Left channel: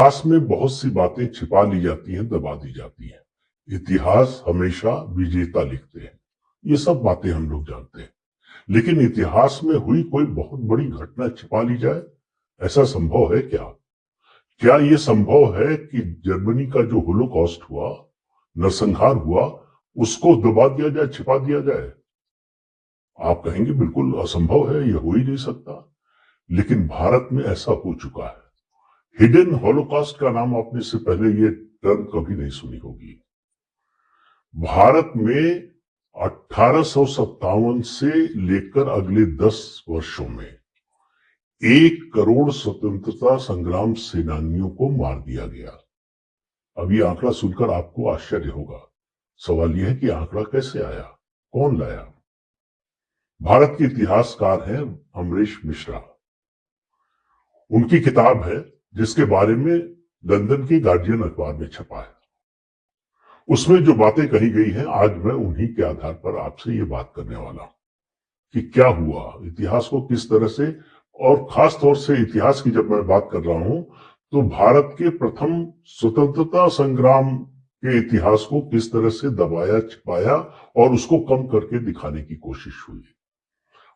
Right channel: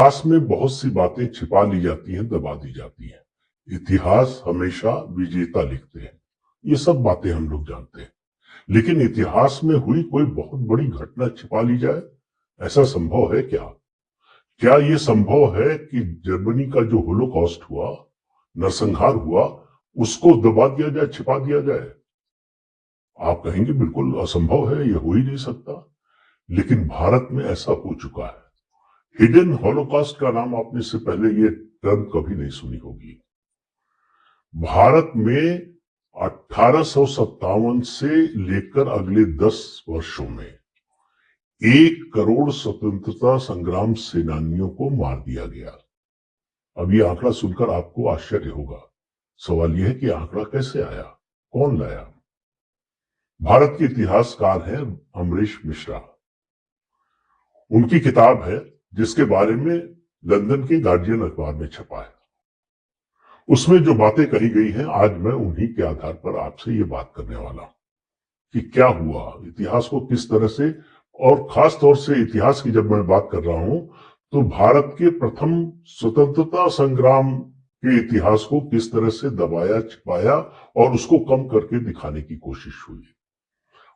इतिहास में बहुत सी बातें छिपा ली जाती हैं, दबा दी जाती हैं। इतिहास हमेशा विजेता लिखते हैं। ये सब बातें हम लोग जानते हैं। लेकिन इतिहास में हुई कोई बहुत बड़ी घटना छिपा ली जाए, ऐसा संभव है क्या? क्या ये संभव है कि जर्मनी का जो होलोकॉस्ट हुआ, नरसंहार हुआ, उसको दबा दिया जाए, छिपा दिया जाए? आप कहेंगे बिल्कुल असंभव है, यह हो ही नहीं सकता। लेकिन भारत में ऐसा हो चुका है। हिडन हॉलोकॉस्ट का नाम आपने इससे पहले ये टर्म कभी नहीं सुनी होगी। भारत में 1857 से लेकर अगले 10 वर्षों में 1 करोड़ स्वतंत्रता संग्राम सेनानियों को मार दिया गया। अब ये आंकड़ा सुनकर आपको आश्चर्य होगा। सवाल यह है कि आंकड़ा कैसे आया, कौन लाया? भारत के इतिहासकार हैं अमरीश मिश्रा। उनकी किताब है जिसके बारे में लंदन के गार्जियन अखबार में छपा है। उसमें जो बातें कही गई हैं, आज मैं उन्हीं के आधार पर आपसे ये बात करने वाला हूं कि क्या हुआ, इतिहास को किस तरह से, और खास तौर से इतिहास की जब मैं बात कर रहा हूं तो भारत के प्रथम स्वतंत्रता संग्राम के इतिहास को किस तरह से दबाया, छिपाया और उसको कम करके दिखाने की कोशिश हुई।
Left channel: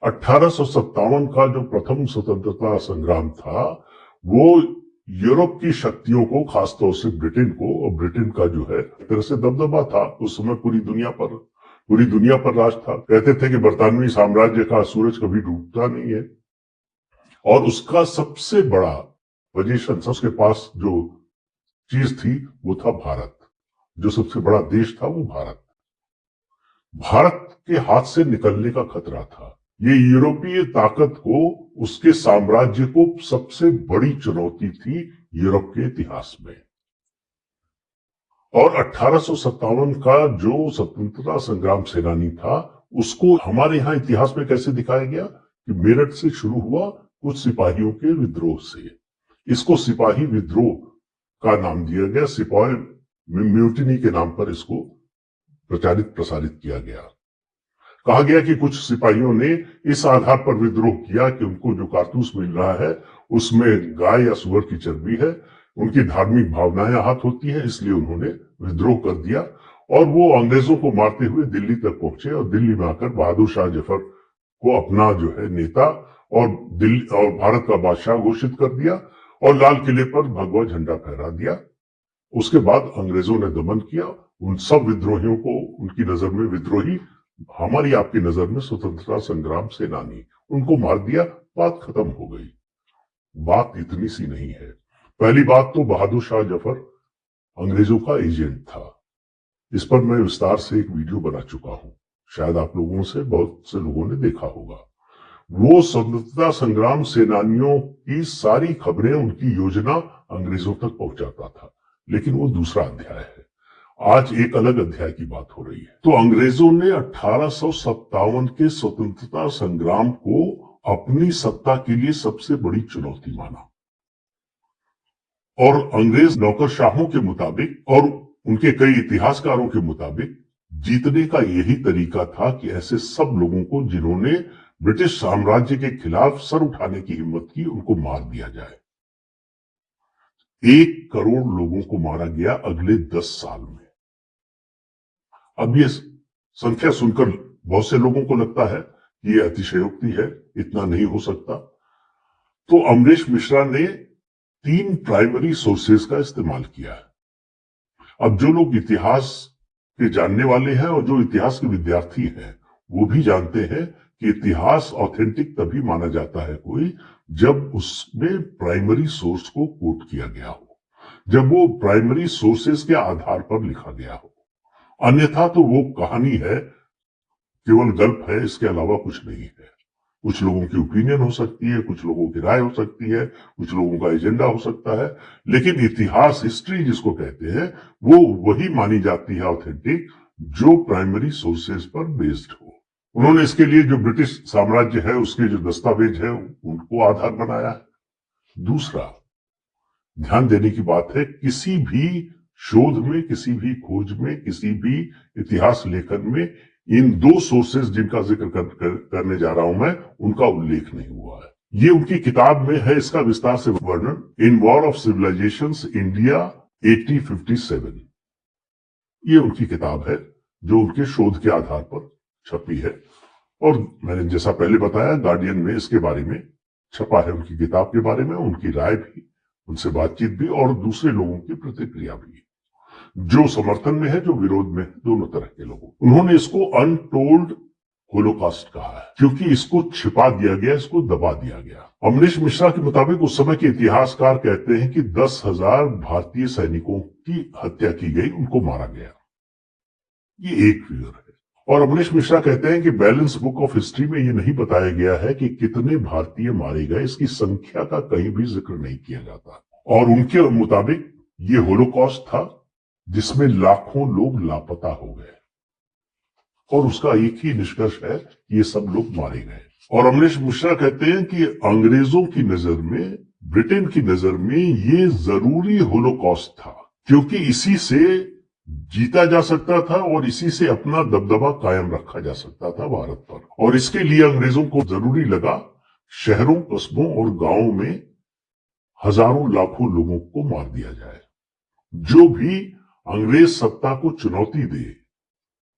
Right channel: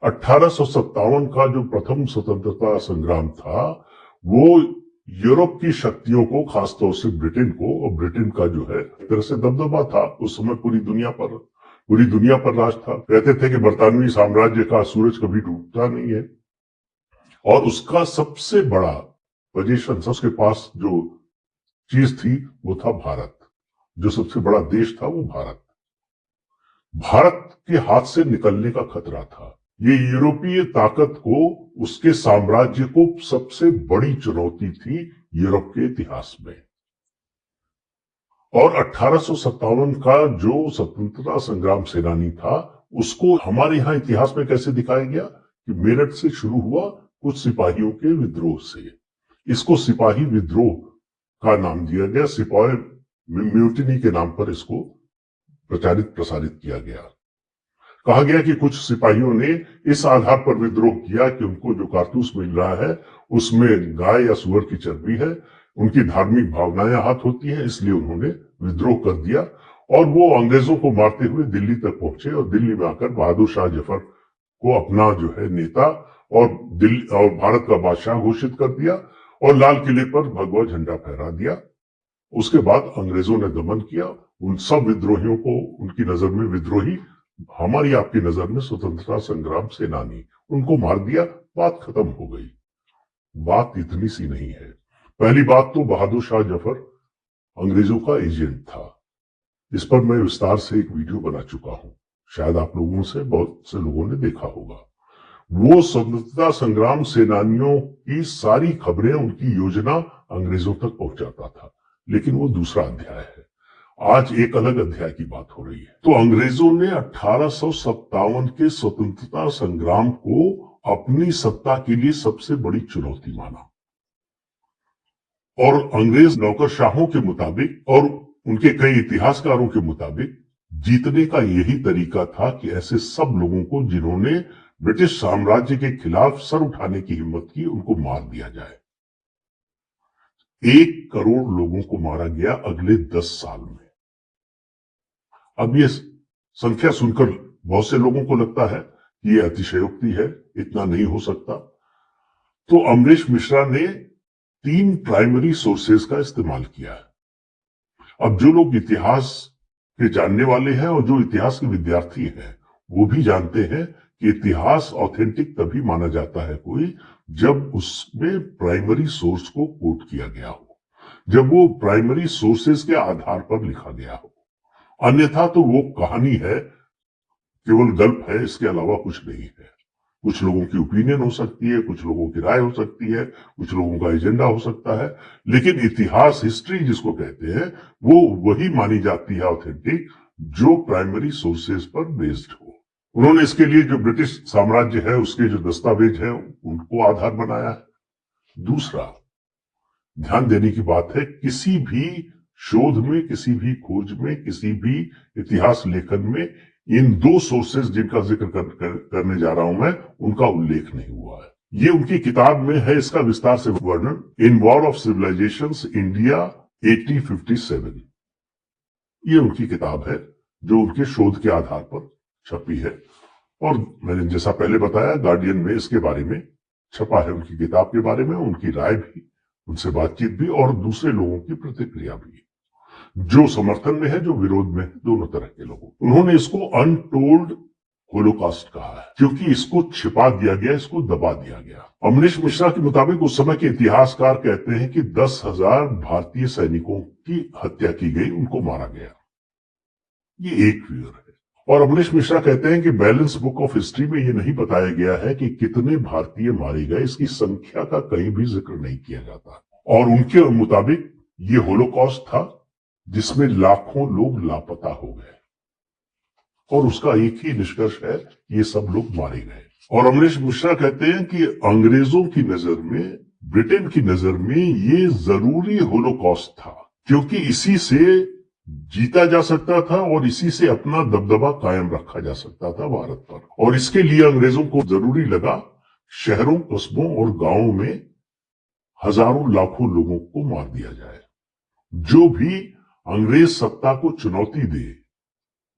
1857 का जो प्रथम स्वतंत्रता संग्राम था, वो यूरोप की शक्तियों को, खासतौर से ब्रिटेन को, और ब्रिटेन का जो है एक तरह से दबदबा था उस समय पूरी दुनिया पर राज था। कहते थे कि बरतानवी साम्राज्य का सूरज कभी डूबता नहीं है, और उसका सबसे बड़ा पोजीशन, उसके पास जो चीज थी वो था भारत। जो सबसे बड़ा देश था वो भारत के हाथ से निकलने का खतरा था। ये यूरोपीय ताकत को, उसके साम्राज्य को सबसे बड़ी चुनौती थी यूरोप के इतिहास में। और 1857 का जो स्वतंत्रता संग्राम सेनानी था, उसको हमारे यहाँ इतिहास में कैसे दिखाया गया कि मेरठ से शुरू हुआ कुछ सिपाहियों के विद्रोह से। इसको सिपाही विद्रोह का नाम दिया गया, सिपाही म्यूटिनी के नाम पर इसको प्रसारित किया गया। कहा गया कि कुछ सिपाहियों ने इस आधार पर विद्रोह किया कि उनको जो कारतूस मिल रहा है उसमें गाय या सुअर की चर्बी है, उनकी धार्मिक भावनाएं हाथ होती हैं, इसलिए उन्होंने विद्रोह कर दिया। और वो अंग्रेजों को मारते हुए दिल्ली तक पहुंचे और दिल्ली में आकर बहादुर शाह जफर को अपना जो है नेता और दिल्ली और भारत का बादशाह घोषित कर दिया और लाल किले पर भगवा झंडा फहरा दिया। उसके बाद अंग्रेजों ने दमन किया उन सब विद्रोहियों को। उनकी नजर में विद्रोही, हमारी आपकी नजर में स्वतंत्रता संग्राम सेनानी, उनको मार दिया, बात खत्म हो गई। बात इतनी सी नहीं है। पहली बात तो बहादुर शाह जफर अंग्रेजों का एजेंट था। इस पर मैं विस्तार से एक वीडियो बना चुका हूं, शायद आप लोगों से बहुत से लोगों ने देखा होगा। वो स्वतंत्रता संग्राम सेनानियों की सारी खबरें, उनकी योजना अंग्रेजों तक पहुंचाता था। लेकिन वो दूसरा अध्याय है। आज एक अलग अध्याय की बात हो रही है। तो अंग्रेजों ने 1857 के स्वतंत्रता संग्राम को अपनी सत्ता के लिए सबसे बड़ी चुनौती माना। और अंग्रेज नौकरशाहों के मुताबिक और उनके कई इतिहासकारों के मुताबिक जीतने का यही तरीका था कि ऐसे सब लोगों को जिन्होंने ब्रिटिश साम्राज्य के खिलाफ सर उठाने की हिम्मत की, उनको मार दिया जाए। 1 करोड़ लोगों को मारा गया अगले 10 साल में। अब ये संख्या सुनकर बहुत से लोगों को लगता है कि ये अतिशयोक्ति है, इतना नहीं हो सकता। तो अमरीश मिश्रा ने 3 प्राइमरी सोर्सेज का इस्तेमाल किया है। अब जो लोग इतिहास के जानने वाले हैं और जो इतिहास के विद्यार्थी हैं, वो भी जानते हैं कि इतिहास ऑथेंटिक तभी माना जाता है कोई, जब उसमें प्राइमरी सोर्स को कोट किया गया हो, जब वो प्राइमरी सोर्सेज के आधार पर लिखा गया हो। अन्यथा तो वो कहानी है, केवल गल्प है, इसके अलावा कुछ नहीं है। कुछ लोगों की ओपिनियन हो सकती है, कुछ लोगों की राय हो सकती है, कुछ लोगों का एजेंडा हो सकता है, लेकिन इतिहास, हिस्ट्री जिसको कहते हैं, वो वही मानी जाती है ऑथेंटिक जो प्राइमरी सोर्सेज पर बेस्ड हो। उन्होंने इसके लिए जो ब्रिटिश साम्राज्य है उसके जो दस्तावेज है उनको आधार बनाया है। दूसरा ध्यान देने की बात है, किसी भी शोध में, किसी भी खोज में, किसी भी इतिहास लेखन में इन 2 सोर्सेज जिनका जिक्र करने जा रहा हूं मैं, उनका उल्लेख नहीं हुआ है। ये उनकी किताब में है, इसका विस्तार से वर्णन, in war of civilisations India 1857। ये उनकी किताब है जो उनके शोध के आधार पर छपी है, और मैंने जैसा पहले बताया गार्डियन में इसके बारे में छपा है, उनकी किताब के बारे में, उनकी राय भी, उनसे बातचीत भी और दूसरे लोगों की प्रतिक्रिया भी, जो समर्थन में है जो विरोध में है, दोनों तरह के लोगों। उन्होंने इसको अनटोल्ड होलोकॉस्ट कहा है क्योंकि इसको छिपा दिया गया, इसको दबा दिया गया। अमरीश मिश्रा के मुताबिक उस समय के इतिहासकार कहते हैं कि 10,000 भारतीय सैनिकों की हत्या की गई, उनको मारा गया। ये एक फिगर है। और अमरीश मिश्रा कहते हैं कि बैलेंस बुक ऑफ हिस्ट्री में ये नहीं बताया गया है कि कितने भारतीय मारे गए, इसकी संख्या का कहीं भी जिक्र नहीं किया जाता। और उनके मुताबिक ये होलोकॉस्ट था जिसमें लाखों लोग लापता हो गए, और उसका एक ही निष्कर्ष है कि ये सब लोग मारे गए। और अमरीश मिश्रा कहते हैं कि अंग्रेजों की नजर में, ब्रिटेन की नजर में ये जरूरी होलोकॉस्ट था, क्योंकि इसी से जीता जा सकता था और इसी से अपना दबदबा कायम रखा जा सकता था भारत पर। और इसके लिए अंग्रेजों को जरूरी लगा शहरों, कस्बों और गांवों में हजारों लाखों लोगों को मार दिया जाए। जो भी अंग्रेज सत्ता को चुनौती दे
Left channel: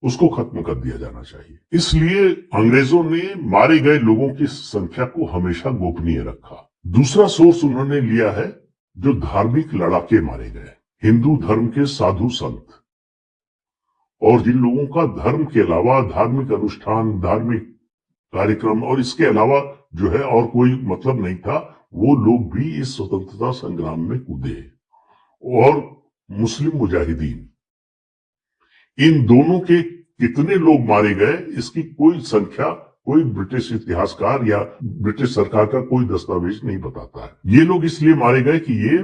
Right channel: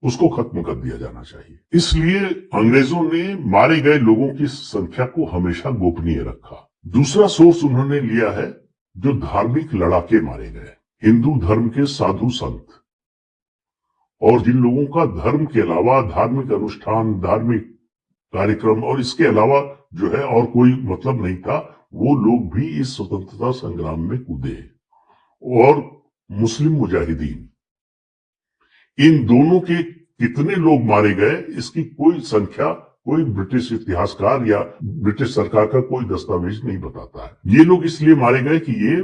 उसको खत्म कर दिया जाना चाहिए। इसलिए अंग्रेजों ने मारे गए लोगों की संख्या को हमेशा गोपनीय रखा। दूसरा सोर्स उन्होंने लिया है जो धार्मिक लड़ाके मारे गए, हिंदू धर्म के साधु संत, और जिन लोगों का धर्म के अलावा धार्मिक अनुष्ठान, धार्मिक कार्यक्रम और इसके अलावा जो है और कोई मतलब नहीं था, वो लोग भी इस स्वतंत्रता संग्राम में कूदे। और मुस्लिम मुजाहिदीन, इन दोनों के कितने लोग मारे गए इसकी कोई संख्या कोई ब्रिटिश इतिहासकार या ब्रिटिश सरकार का कोई दस्तावेज नहीं बताता है। ये लोग इसलिए मारे गए कि ये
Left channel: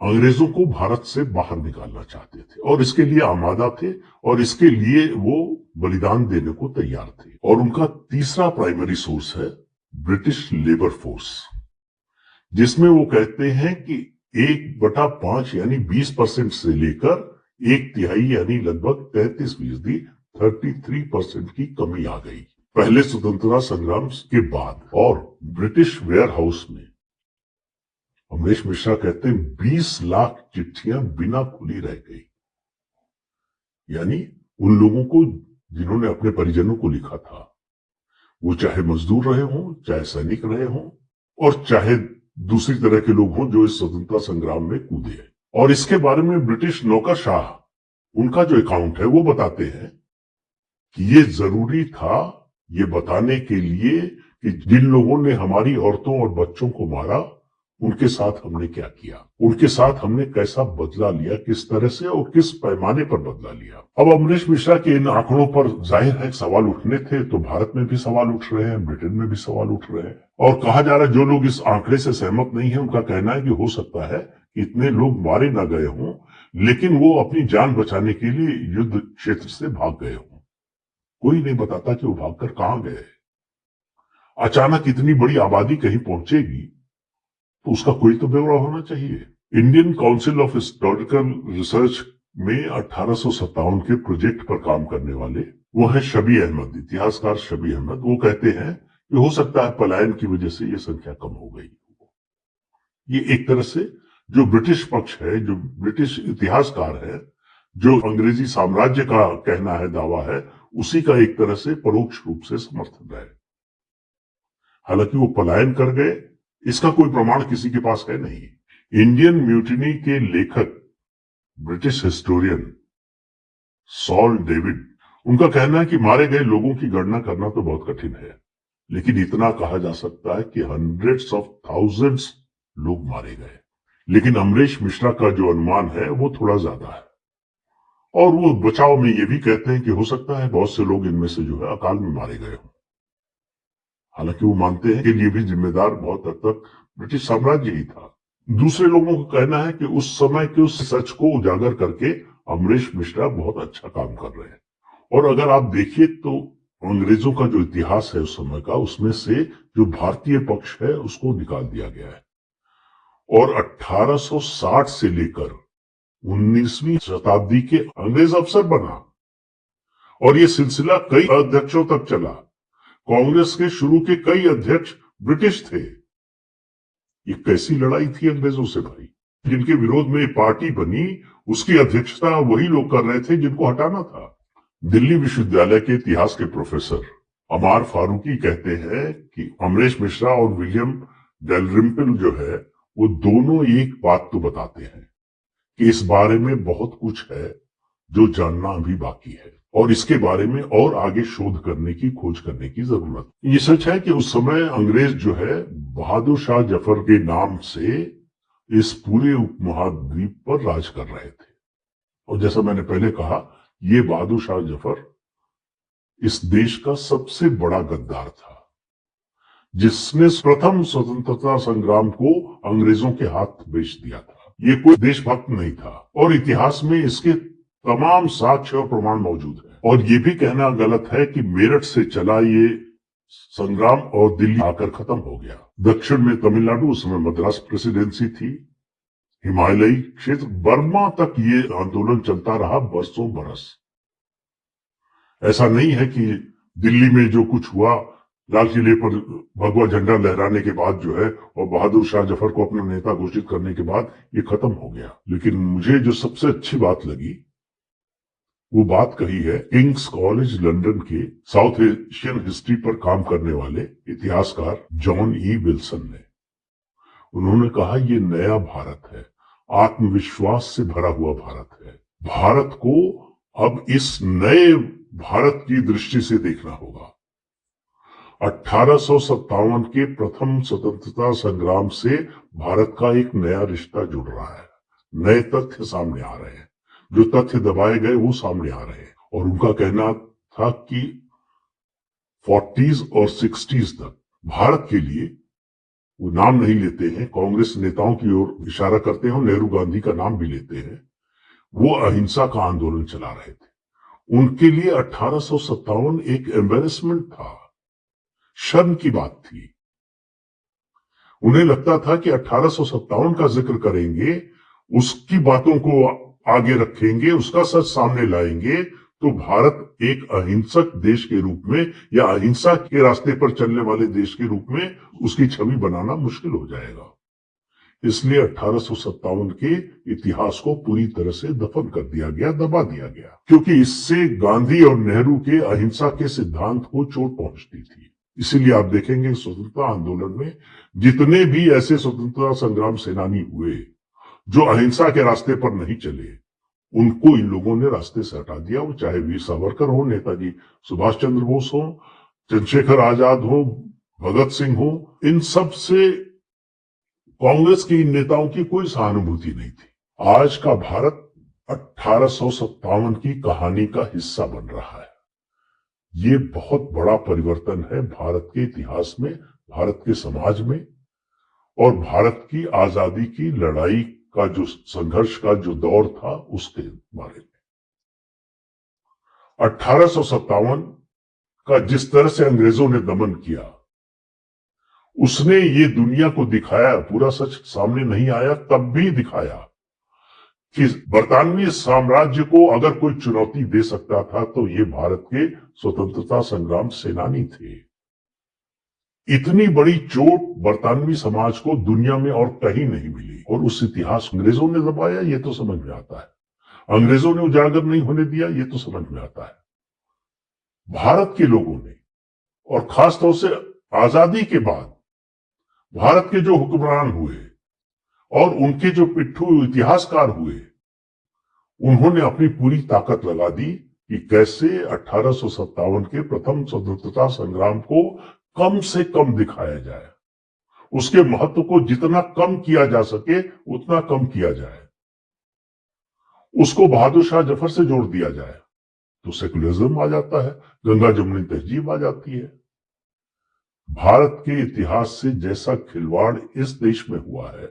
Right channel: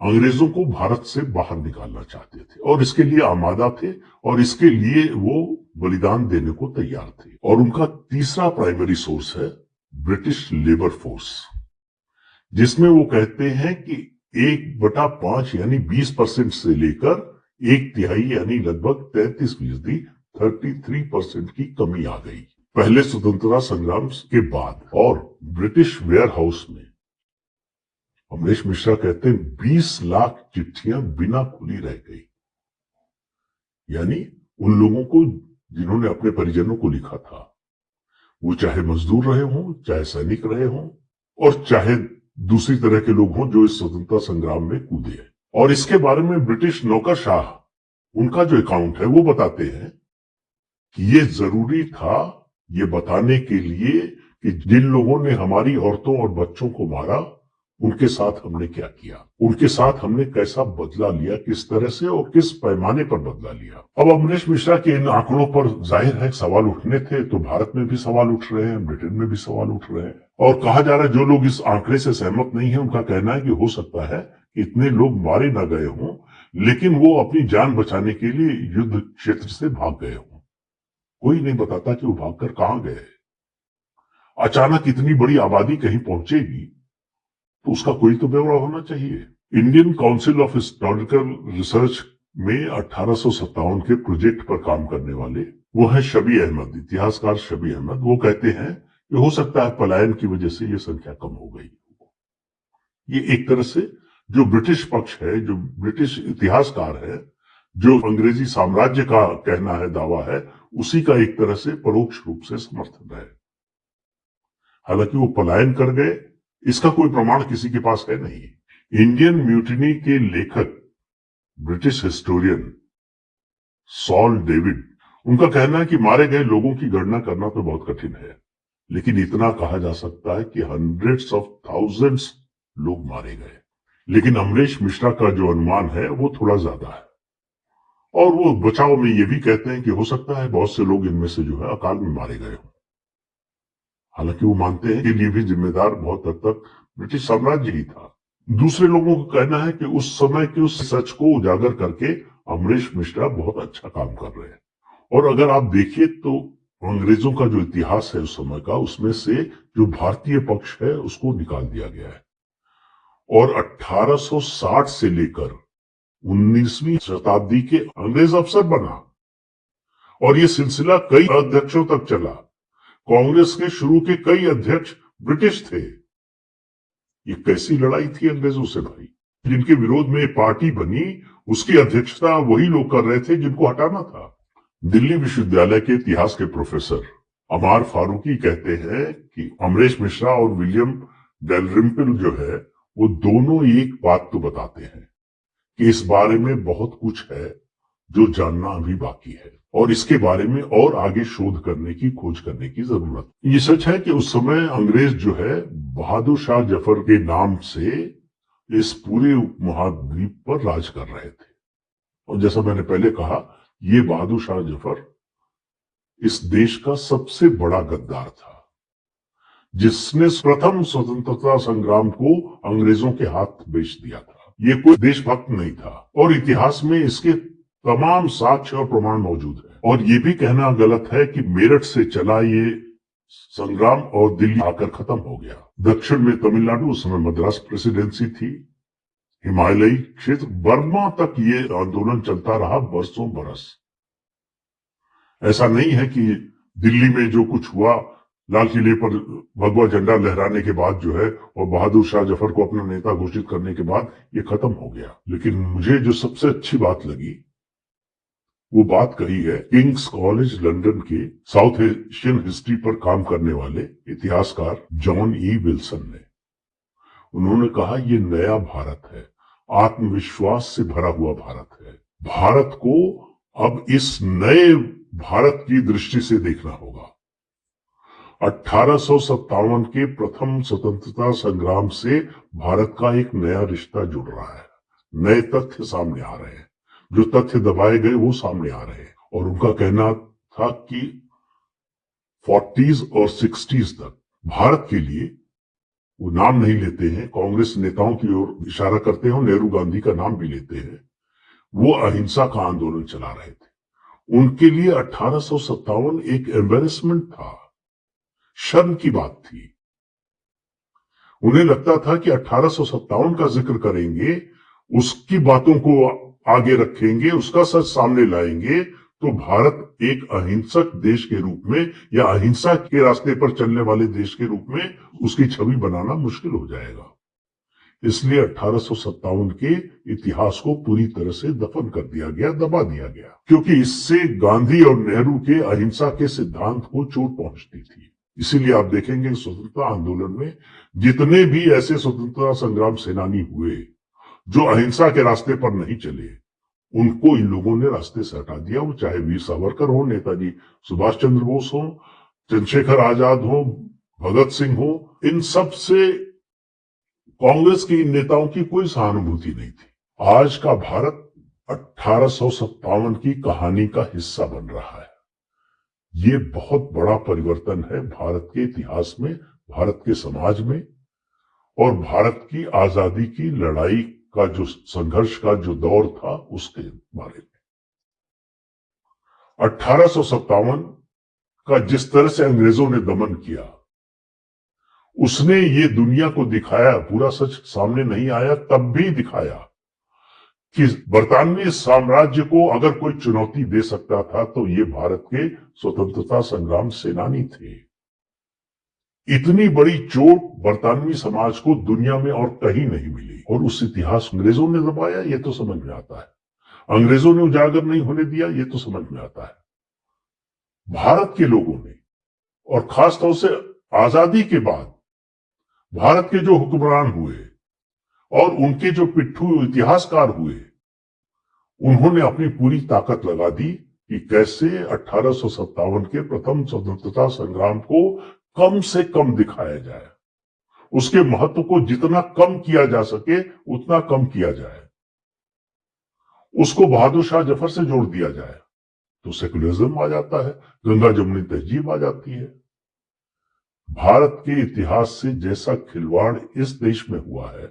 अंग्रेजों को भारत से बाहर निकालना चाहते थे और इसके लिए आमादा थे और इसके लिए वो बलिदान देने को तैयार थे। और उनका तीसरा प्राइमरी सोर्स है ब्रिटिश लेबर फोर्स, जिसमें वो कहते हैं कि 1/5 यानी 20% से लेकर 1/3 यानी लगभग 33%, 33% की कमी आ गई पहले स्वतंत्रता संग्राम के बाद। और ब्रिटिश वेयर हाउस में अमरीश मिश्रा कहते हैं 20 लाख चिट्ठियां बिना खुली रह गई, यानी उन लोगों को जिन्होंने अपने परिजनों को लिखा था, वो चाहे मजदूर रहे हों, चाहे सैनिक रहे हों और चाहे दूसरी तरह के लोग हों जो इस स्वतंत्रता संग्राम में कूदे। और इसके बारे में ब्रिटिश नौकरशाह, उनका जो अकाउंट है वो बताते हैं कि ये जरूरी था ये बताने के लिए कि जिन लोगों ने हमारी औरतों और बच्चों को मारा उनके साथ हमने क्या किया, उनके साथ हमने कैसा बदला लिया, किस तरह से और किस पैमाने पर बदला लिया। अब अमरीश मिश्रा के इन आंकड़ों पर जाहिर है सवाल उठने थे, तो भारत में भी सवाल उठ रहे हैं, ब्रिटेन में भी सवाल उठ रहे हैं। और कहा जा रहा है जो लोग इस आंकड़े से सहमत नहीं है उनका कहना है कि हो सकता है कि इतने लोग मारे ना गए हों, लेकिन वो अपनी जान बचाने के लिए युद्ध क्षेत्र से भाग गए हों। कोई नहीं बताता कि वो भागकर कहां गए। अचानक इतनी बड़ी आबादी कहीं पहुंचेगी तो उसका कोई तो ब्यौरा होना चाहिए। Indian council of historical research में 1857 के प्रोजेक्ट पर काम करने वाले वो है शबी अहमद, इतिहासकार शबी अहमद। वो कहते हैं कि हो सकता है पलायन की वजह से ये संख्या कम हो गई। ये एक तरह से जो ब्रिटिश पक्ष है, जो ब्रिटिश इतिहासकार है, जो अंग्रेजी साम्राज्य का कहना है, दावा है, उसी का एक तरह से परोक्ष रूप से समर्थन है। हालांकि वो पलायन कर गए इसका कोई प्रमाण किसी के पास है नहीं। इंडियन म्यूटिनी के लेखक ब्रिटिश हिस्टोरियन सॉल डेविड, उनका कहना है कि मारे गए लोगों की गणना करना तो बहुत कठिन है, लेकिन इतना कहा जा सकता है कि हंड्रेड्स ऑफ थाउजेंड्स लोग मारे गए। लेकिन अमरीश मिश्रा का जो अनुमान है वो थोड़ा ज्यादा है, और वो बचाव में ये भी कहते हैं कि हो सकता है बहुत से लोग इनमें से जो है अकाल में मारे गए हों। हालांकि वो मानते हैं कि ये भी जिम्मेदार बहुत हद तक ब्रिटिश साम्राज्य ही था। दूसरे लोगों का कहना है कि उस समय के उस सच को उजागर करके अमरीश मिश्रा बहुत अच्छा काम कर रहे हैं। और अगर आप देखिए तो अंग्रेजों का जो इतिहास है उस समय का, उसमें से जो भारतीय पक्ष है उसको निकाल दिया गया है, और 1860 से लेकर 19वीं शताब्दी के अंग्रेज अफसर बना, और ये सिलसिला कई अध्यक्षों तक चला। कांग्रेस के शुरू के कई अध्यक्ष ब्रिटिश थे, ये कैसी लड़ाई थी अंग्रेजों से भाई, जिनके विरोध में पार्टी बनी उसकी अध्यक्षता वही लोग कर रहे थे जिनको हटाना था। दिल्ली विश्वविद्यालय के इतिहास के प्रोफेसर अमार फारूकी कहते हैं कि अमरेश मिश्रा और विलियम डेलरिम्पल जो है वो दोनों एक बात तो बताते हैं कि इस बारे में बहुत कुछ है जो जानना अभी बाकी है और इसके बारे में और आगे शोध करने की खोज करने की जरूरत। ये सच है कि उस समय अंग्रेज जो है बहादुर शाह जफर के नाम से इस पूरे उपमहाद्वीप पर राज कर रहे थे और जैसा मैंने पहले कहा ये बहादुर शाह जफर इस देश का सबसे बड़ा गद्दार था जिसने प्रथम स्वतंत्रता संग्राम को अंग्रेजों के हाथ बेच दिया था। ये कोई देशभक्त नहीं था और इतिहास में इसके तमाम साक्ष्य और प्रमाण मौजूद है। और ये भी कहना गलत है कि मेरठ से चला ये संग्राम और दिल्ली आकर खत्म हो गया। दक्षिण में तमिलनाडु, उस समय मद्रास प्रेसिडेंसी थी, हिमालयी क्षेत्र बर्मा तक ये आंदोलन चलता रहा बरसों बरस। ऐसा नहीं है कि दिल्ली में जो कुछ हुआ लाल किले पर भगवा झंडा लहराने के बाद जो है और बहादुर शाह जफर को अपना नेता घोषित करने के बाद ये खत्म हो गया। लेकिन मुझे जो सबसे अच्छी बात लगी वो बात कही है किंग्स कॉलेज लंदन के साउथ एशियन हिस्ट्री पर काम करने वाले इतिहासकार जॉन ई विल्सन ने। उन्होंने कहा ये नया भारत है, आत्मविश्वास से भरा हुआ भारत है। भारत को अब इस नए भारत की दृष्टि से देखना होगा। 1857 के प्रथम स्वतंत्रता संग्राम से भारत का एक नया रिश्ता जुड़ रहा है। नए तथ्य सामने आ रहे हैं, जो तथ्य दबाए गए वो सामने आ रहे हैं। और उनका कहना था कि 40s और 60s तक भारत के लिए वो नाम नहीं लेते हैं, कांग्रेस नेताओं की ओर इशारा करते हैं और नेहरू गांधी का नाम भी लेते हैं, वो अहिंसा का आंदोलन चला रहे थे। उनके लिए 1857 एक एम्बेरसमेंट था, शर्म की बात थी। उन्हें लगता था कि 1857 का जिक्र करेंगे, उसकी बातों को आगे रखेंगे, उसका सच सामने लाएंगे तो भारत एक अहिंसक देश के रूप में या अहिंसा के रास्ते पर चलने वाले देश के रूप में उसकी छवि बनाना मुश्किल हो जाएगा। इसलिए 1857 के इतिहास को पूरी तरह से दफन कर दिया गया, दबा दिया गया, क्योंकि इससे गांधी और नेहरू के अहिंसा के सिद्धांत को चोट पहुंचती थी। इसीलिए आप देखेंगे स्वतंत्रता आंदोलन में जितने भी ऐसे स्वतंत्रता संग्राम सेनानी हुए जो अहिंसा के रास्ते पर नहीं चले, उनको इन लोगों ने रास्ते से हटा दिया। वो चाहे वीर सावरकर हो, नेताजी सुभाष चंद्र बोस हो, चंद्रशेखर आजाद हो, भगत सिंह हो, इन सब से कांग्रेस के इन नेताओं की कोई सहानुभूति नहीं थी। आज का भारत 1857 की कहानी का हिस्सा बन रहा है। ये बहुत बड़ा परिवर्तन है भारत के इतिहास में, भारत के समाज में और भारत की आजादी की लड़ाई का जो संघर्ष का जो दौर था उसके बारे में। 1857 का जिस तरह से अंग्रेजों ने दमन किया, उसने ये दुनिया को दिखाया, पूरा सच सामने नहीं आया तब भी दिखाया कि बरतानवी साम्राज्य को अगर कोई चुनौती दे सकता था तो ये भारत के स्वतंत्रता संग्राम सेनानी थे। इतनी बड़ी चोट बरतानवी समाज को दुनिया में और कहीं नहीं मिली और उस इतिहास अंग्रेजों ने दबाया, ये तो समझ में आता है। अंग्रेजों ने उजागर नहीं होने दिया, ये तो समझ में आता है। भारत के लोगों ने और खासतौर से आजादी के बाद भारत के जो हुक्मरान हुए और उनके जो पिट्ठू इतिहासकार हुए, उन्होंने अपनी पूरी ताकत लगा दी कि कैसे 1857 के प्रथम स्वतंत्रता संग्राम को कम से कम दिखाया जाए, उसके महत्व को जितना कम किया जा सके उतना कम किया जाए, उसको बहादुर शाह जफर से जोड़ दिया जाए तो सेकुलरिज्म आ जाता है, गंगा जमुनी तहजीब आ जाती है। भारत के इतिहास से जैसा खिलवाड़ इस देश में हुआ है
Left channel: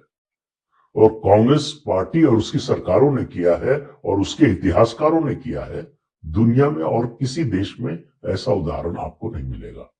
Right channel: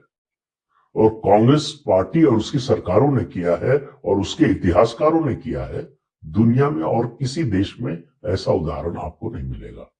और कांग्रेस पार्टी और उसकी सरकारों ने किया है और उसके इतिहासकारों ने किया है, दुनिया में और किसी देश में ऐसा उदाहरण आपको नहीं मिलेगा।